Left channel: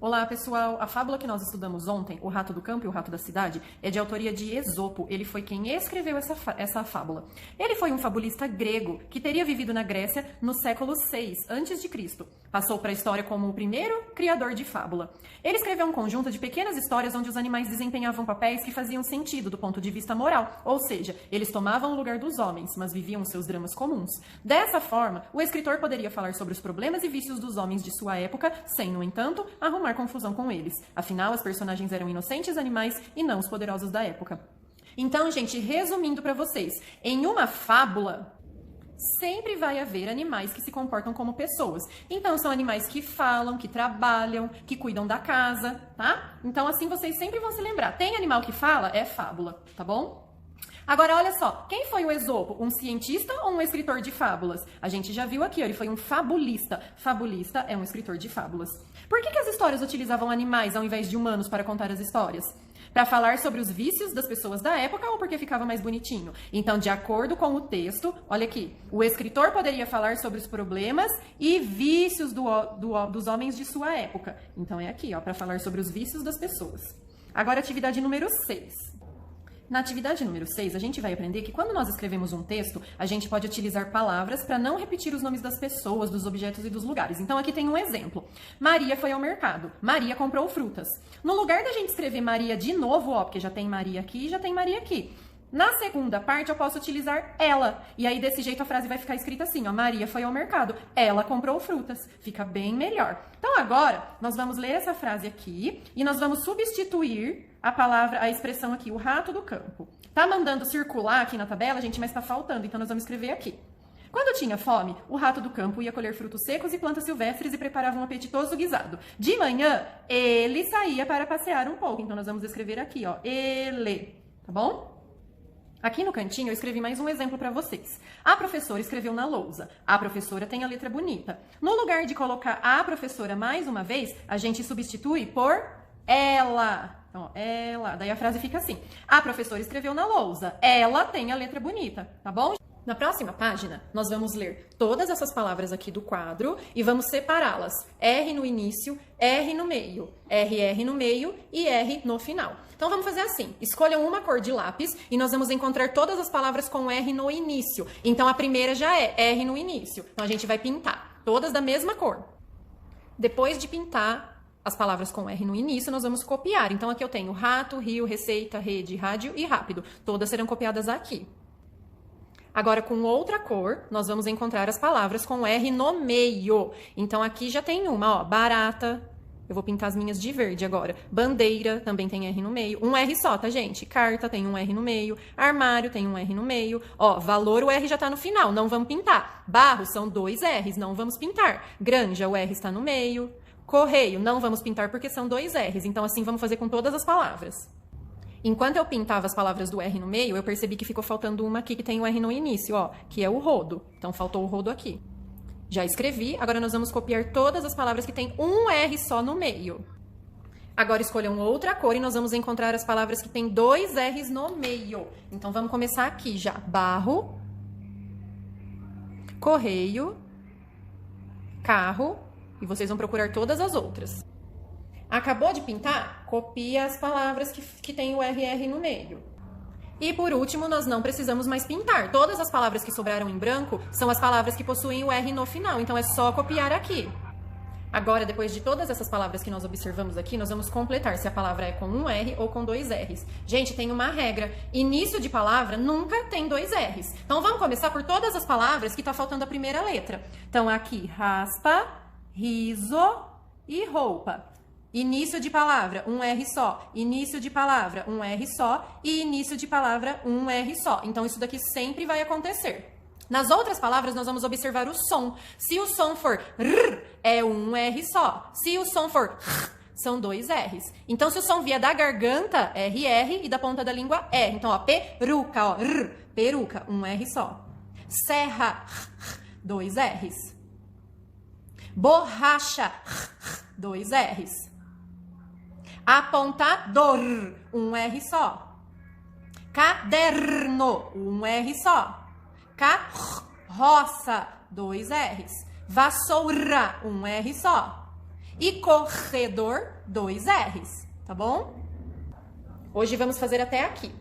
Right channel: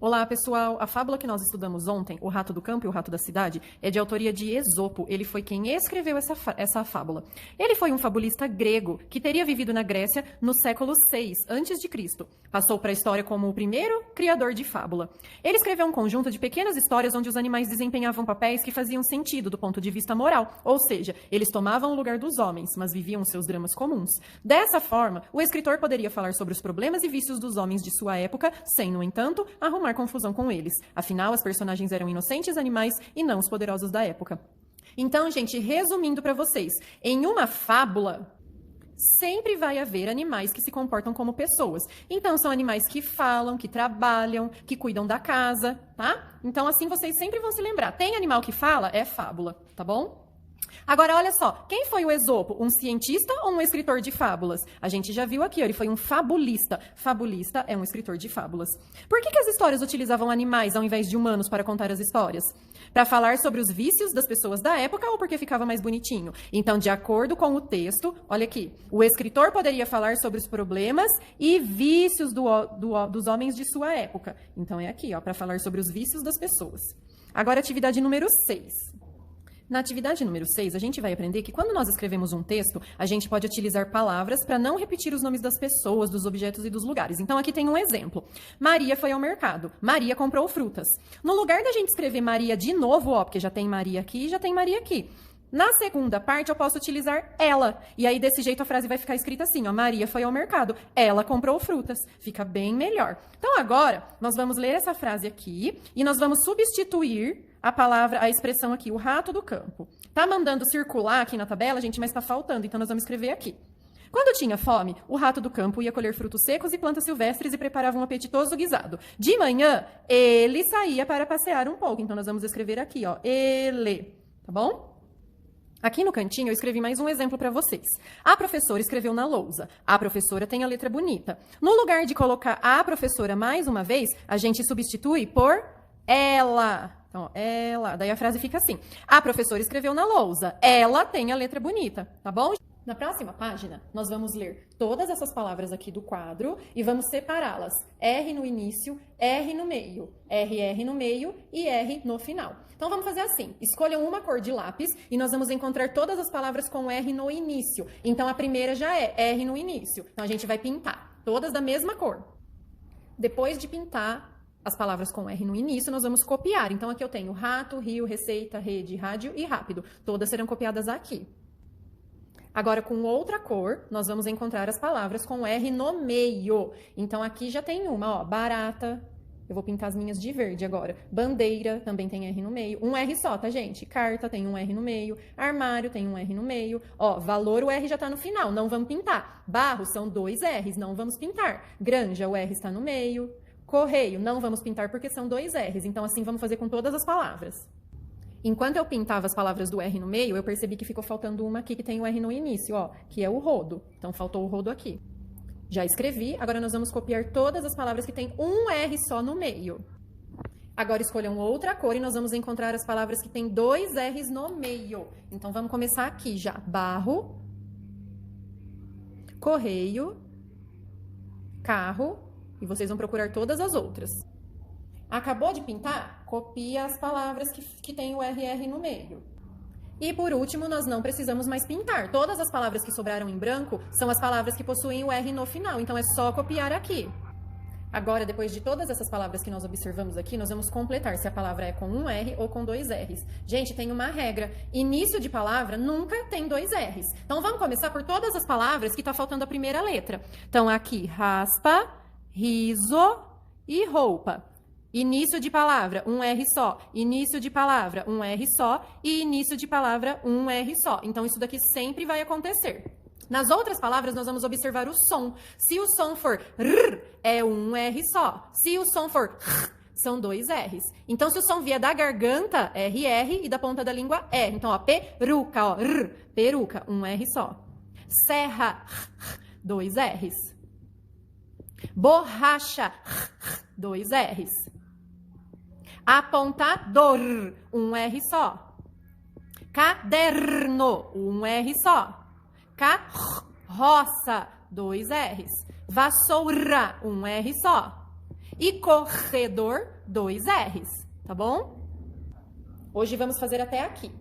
Olá, pessoal! A fábula que nós estudamos ontem, O Rato do Campo e o Rato da Cidade, é de autoria de Esopo. Ele foi quem escreveu essa fábula. Ele foi um fabulista grego que teria vivido na Grécia no século VI a.C. Passou para a história como o primeiro criador de fábula. Ele escreveu um conjunto de pequenas histórias onde os animais desempenhavam papéis que faziam sentido do ponto de vista moral, ou seja, eles tomavam o lugar dos homens, mas viviam seus dramas comuns. Dessa forma, o escritor poderia falar sobre os problemas e vícios dos homens de sua época, sem, no entanto, arrumar confusão com eles. Afinal, as personagens eram inocentes animais e não os poderosos da época. Então, gente, resumindo para vocês, em uma fábula sempre vai haver animais que se comportam como pessoas. Então, são animais que falam, que trabalham, que cuidam da casa, tá? Então, assim, vocês sempre vão se lembrar. Tem animal que fala? É fábula, tá bom? Agora, olha só, quem foi o Esopo? Um cientista ou um escritor de fábulas? A gente já viu aqui, ó, ele foi um fabulista. Fabulista é um escritor de fábulas. Por que as histórias utilizavam animais ao invés de humanos para contar as histórias? Para falar sobre os vícios das pessoas da época ou porque ficava mais bonitinho? Então, de acordo com o texto, olha aqui, o escritor poderia falar sobre os problemas e vícios dos homens de sua época. Então, é aqui, ó, para falar sobre os vícios das pessoas. Agora, atividade número 6. Na atividade número 6, a gente vai aprender que quando nós escrevemos um texto, a gente pode utilizar palavras para não repetir os nomes das pessoas, dos objetos e dos lugares. Então, aqui tem um exemplo. Maria foi ao mercado. Maria comprou frutas. No lugar da gente escrever Maria de novo, ó, porque já tem Maria aqui e já tem Maria aqui. Na segunda parte, eu posso utilizar ela. E aí, desse jeito, a frase vai ficar escrita assim, ó. Maria foi ao mercado. Ela comprou frutas. Fica bem melhor. Então, agora, nós vamos ler essa frase aqui e nós vamos substituir a palavra, a expressão aqui, o rato do campo. Tá mandando circular aqui na tabela, gente, mas tá faltando, então nós vamos escrever aqui. Quando tinha fome, o rato do campo ia colher frutos secos e plantas silvestres e preparava um apetitoso guisado. De manhã, ele saía para passear um pouco. Então, nós vamos escrever aqui, ó, ele, tá bom? Aqui no cantinho eu escrevi mais um exemplo para vocês. A professora escreveu na lousa. A professora tem a letra bonita. No lugar de colocar a professora mais uma vez, a gente substitui por ela. Então, ela. Daí a frase fica assim. A professora escreveu na lousa. Ela tem a letra bonita, tá bom? Na próxima página, nós vamos ler todas essas palavras aqui do quadro e vamos separá-las. R no início, R no meio, RR no meio e R no final. Então, vamos fazer assim. Escolham uma cor de lápis e nós vamos encontrar todas as palavras com R no início. Então, a primeira já é R no início. Então, a gente vai pintar todas da mesma cor. Depois de pintar as palavras com R no início, nós vamos copiar. Então, aqui eu tenho rato, rio, receita, rede, rádio e rápido. Todas serão copiadas aqui. Agora, com outra cor, nós vamos encontrar as palavras com R no meio. Então, aqui já tem uma, ó, barata. Eu vou pintar as minhas de verde agora. Bandeira, também tem R no meio. Um R só, tá, gente? Carta tem um R no meio. Armário tem um R no meio. Ó, valor, o R já tá no final, não vamos pintar. Barro, são 2 R's, não vamos pintar. Granja, o R está no meio. Correio, não vamos pintar porque são 2 R's. Então, assim, vamos fazer com todas as palavras. Enquanto eu pintava as palavras do R no meio, eu percebi que ficou faltando uma aqui que tem o R no início, ó, que é o rodo. Então, faltou o rodo aqui. Já escrevi, agora nós vamos copiar todas as palavras que tem um R só no meio. Agora escolham outra cor e nós vamos encontrar as palavras que tem 2 R's no meio. Então, vamos começar aqui já. Barro, correio, carro, e vocês vão procurar todas as outras. Acabou de pintar? Copia as palavras que tem o RR no meio. E por último, nós não precisamos mais pintar. Todas as palavras que sobraram em branco são as palavras que possuem o R no final. Então, é só copiar aqui. Agora, depois de todas essas palavras que nós observamos aqui, nós vamos completar se a palavra é com um R ou com 2 R's. Gente, tem uma regra. Início de palavra nunca tem 2 R's. Então, vamos começar por todas as palavras que está faltando a primeira letra. Então, aqui, raspa, riso e roupa. Início de palavra, um R só. Início de palavra, um R só. E início de palavra, um R só. Então, isso daqui sempre vai acontecer. Nas outras palavras, nós vamos observar o som. Se o som for R, é um R só. Se o som for R, são 2 R's. Então, se o som vier da garganta, RR, e da ponta da língua, R. Então, ó, peruca, ó, R, peruca, um R só. Serra, 2 R's. Borracha, 2 R's. Apontador, um R só. Caderno, um R só. Carroça, 2 R's. Vassoura, um R só. E corredor, 2 R's, tá bom? Hoje vamos fazer até aqui.